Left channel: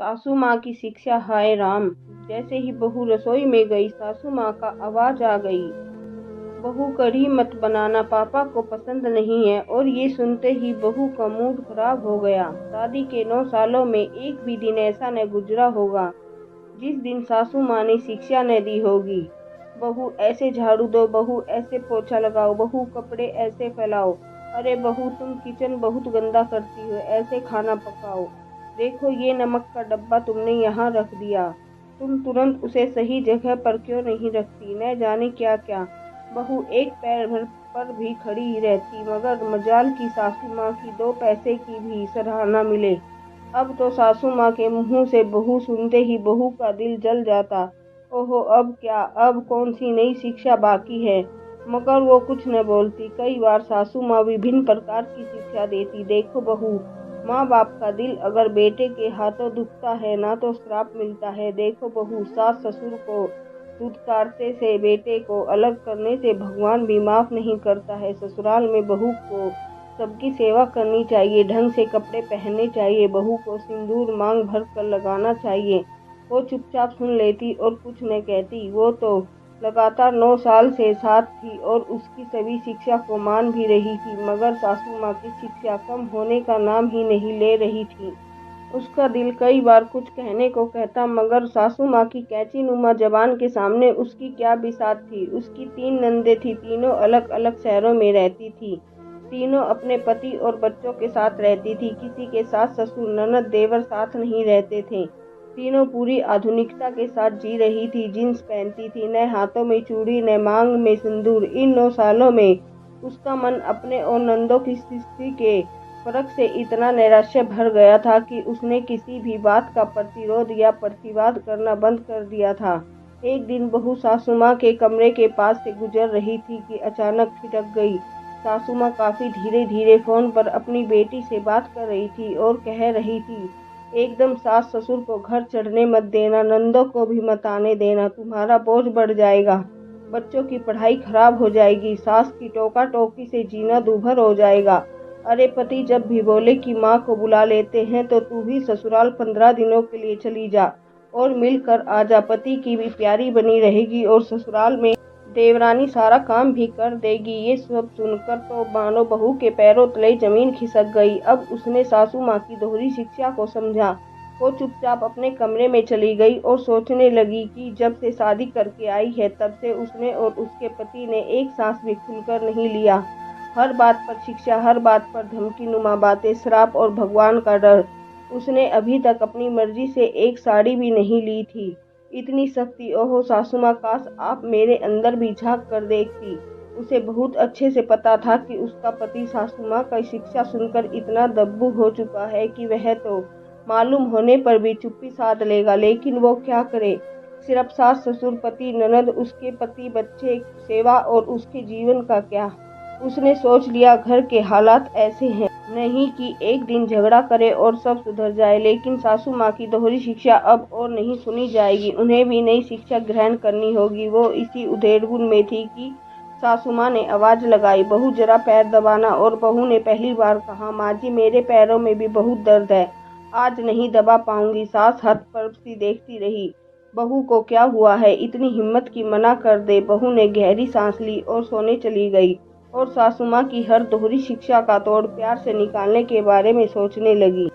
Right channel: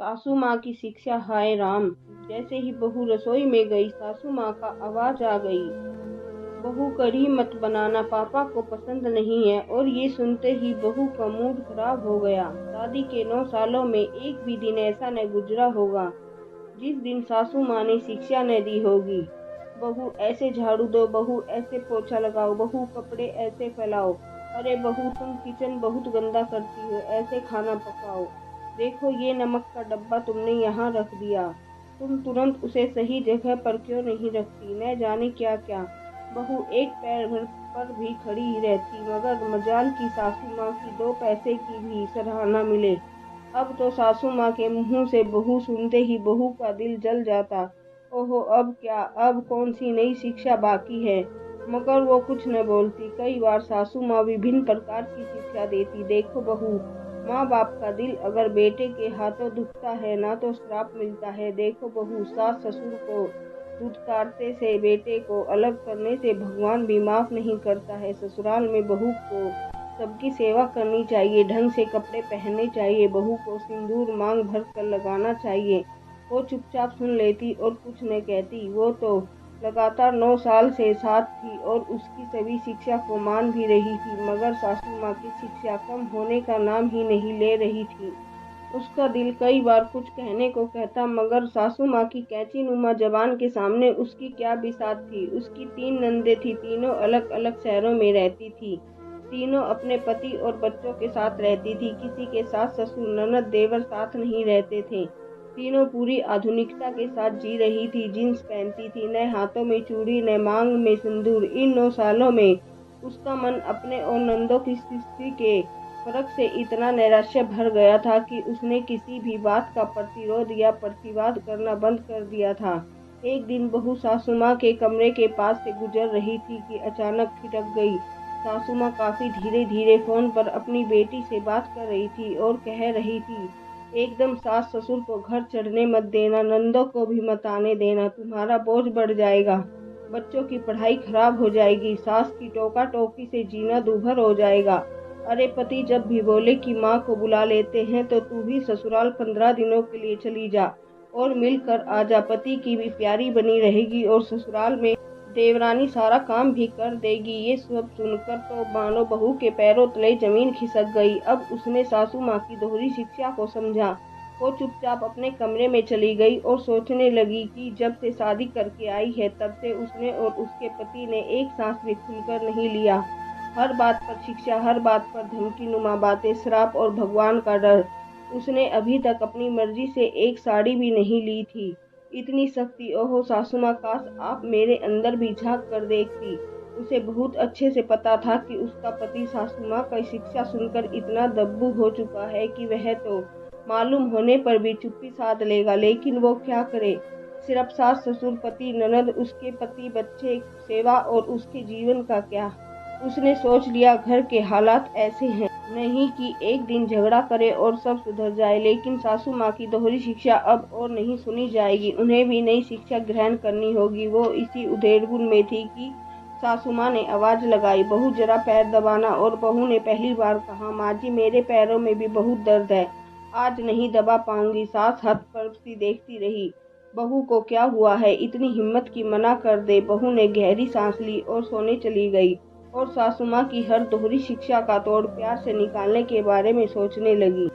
सासू माँ की शिक्षा। हाय राम! जैसे ही बहू रसोई में गई, सासू माँ का आवाज आ गई, बहू कढ़ी मत बनाना, पापा को पसंद नहीं है। और ये सुनते ही बहू का मूड खराब हो गया। शादी के 9 सालों में एक भी दिन ऐसा न गुजरा होगा जिस दिन सासू माँ ने शिक्षा न दी होगी। बहू ऐसे झाड़ू दो, बहू ऐसे पोछा लगाओ, बहू कपड़े ऐसे फैलाओ, अरे बहू तुम किचन बहुत गंदा करती हो, ऐसे खाना पकाओ, देखो ये नमक का डब्बा तुमने यहाँ रख दिया, तुम तुरंत उसे सही जगह पर क्यों नहीं रखती, न जाने क्या क्या। बहू एक पैर भर पर भी खड़ी ही रहती, मगर मजाल की सासू माँ की 2 पैसे की भी सराहना मिले। अब तो सासू माँ के मुंह से बहू सुनते ही बहू का दिल जल जाता। ओहो, अब क्या, अब कौन सी नई शिक्षा बाकी है। मगर वो कुछ न बोलती। कई बार सासू माँ विभिन्न प्रकार की शिक्षा देती। देखो बहू, माँ बाप का दिल अगर बेटे के हाथों दुखता है ना तो श्राप मिलता है। देखो बहू, सास ससुर को दुत्कारते से बेटे को अलग करने से भगवान भी माफ नहीं करता है। ससुराल में बहू को सबकी सेवा करनी चाहिए, ढंग से कपड़े पहनने चाहिए, बहू को सिंदूर मांग भर कर लगाना चाहिए। वो चुपचाप सुन लेती और कुछ न कहती। वो तो लगातार 9 साल से साथ थी और उसकी सभी शिक्षा को मान भी रही थी, मगर सासू माँ की शिक्षा कम होने का नाम ही नहीं ले रही थी। उसका दिल कई बार कुछ कहने को कहता, मगर सासू माँ की कैंची नुमा जबान के सामने उसकी क्या बिसात थी। उसकी 3 नंदे थी, तीनों अलग अलग शहरों में रहती थी, तीनों अपने पति और बच्चों के साथ रहती थी। किसी के सास ससुर ननद देवर साथ नहीं रहते थे। तीनों पूरी आधुनिकता के साथ जी रही थी। जींस पहनती थी, न हाथों में चूड़ी न मांग में सिंदूर। इन 9 सालों में उसका मन अपने और नंदों की स्थिति के फर्क से इतना नैराश्य भर गया था कि उसने किसी भी बात का प्रतिरोध या प्रतिवाद करना बंद कर दिया था। एक दिन बहू सासू माँ के कमरे के पास से गुजर रही थी कि अचानक छिटक गई। सासू माँ काफी धीरे धीरे फोन पर अपनी बेटी से बात कर रही थी और कह रही थी, एकदम सास ससुर को घर चढ़ने मत देना, नंदों को भी मत आने देना, तुम्हारा बोझ बढ़ जाएगा, बच्चों की पढ़ाई खराब हो जाएगी, सास की टोका टोकी से जीना दूभर हो जाएगा। अरे पति जब भी बोले कि माँ को बुला लेते हैं तो तू भी ससुराल 15 दिनों के लिए चली जा और मिलकर आजा, पति की भी प्यारी बनी रहेगी और ससुराल में देवरानी सारा काम भी कर देगी। ये सब सुनकर तो मानो बहू के पैरों तले जमीन खिसक गई। अब उसने सासू माँ की दोहरी शिक्षा को समझा। वो चुपचाप अपने कमरे में चली गई और सोचने लगी कि जब से शादी करके आई है तब से उसने और उसके पति ने एक सांस भी खुलकर नहीं लिया। हर बात पर शिक्षा, हर बात पर धमकी नुमा बातें, श्राप और भगवान का डर। उसने अभी तक अपनी मर्जी से एक साड़ी भी नहीं ली थी। इतनी शक्ति, ओहो सासू माँ, काश आप मेरे अंदर भी झांक कर देखती। उसे बहुत अच्छे से पता था कि उसका पति सासू माँ का शिक्षा सुनकर इतना दब्बू हो चुका है कि वह तो मालूम होने पर भी चुप्पी साध लेगा, लेकिन वो क्या करे। सिर्फ सास ससुर पति ननद, उसके पति बच्चे, सेवा और उसके जीवन का क्या। उसने सोच लिया घर के हालात ऐसे हैं नहीं कि एक दिन झगड़ा करे और सब सुधर जाए, लेकिन सासू माँ की दोहरी शिक्षा अब और नहीं सुनी जाएगी। उन्हें भी नई शिक्षा ग्रहण करनी होगी। वो इसी उधेड़बुन में थी कि सासू माँ ने आवाज लगाई, बहू जरा पैर दबाना। और बहू ने पहली बार कहा, माँ जी मेरे पैरों में भी बहुत दर्द है, आज नहीं दबा पाऊंगी। सास हद पर सी देखती रही, बहू को क्या हुआ है, इतनी हिम्मत की मना कर दे। बहू ने गहरी सांस ली और सोने चली गई और सासू माँ की हर दोहरी शिक्षा का तोड़ प्यार से निकालने के बारे में सोचने लगी।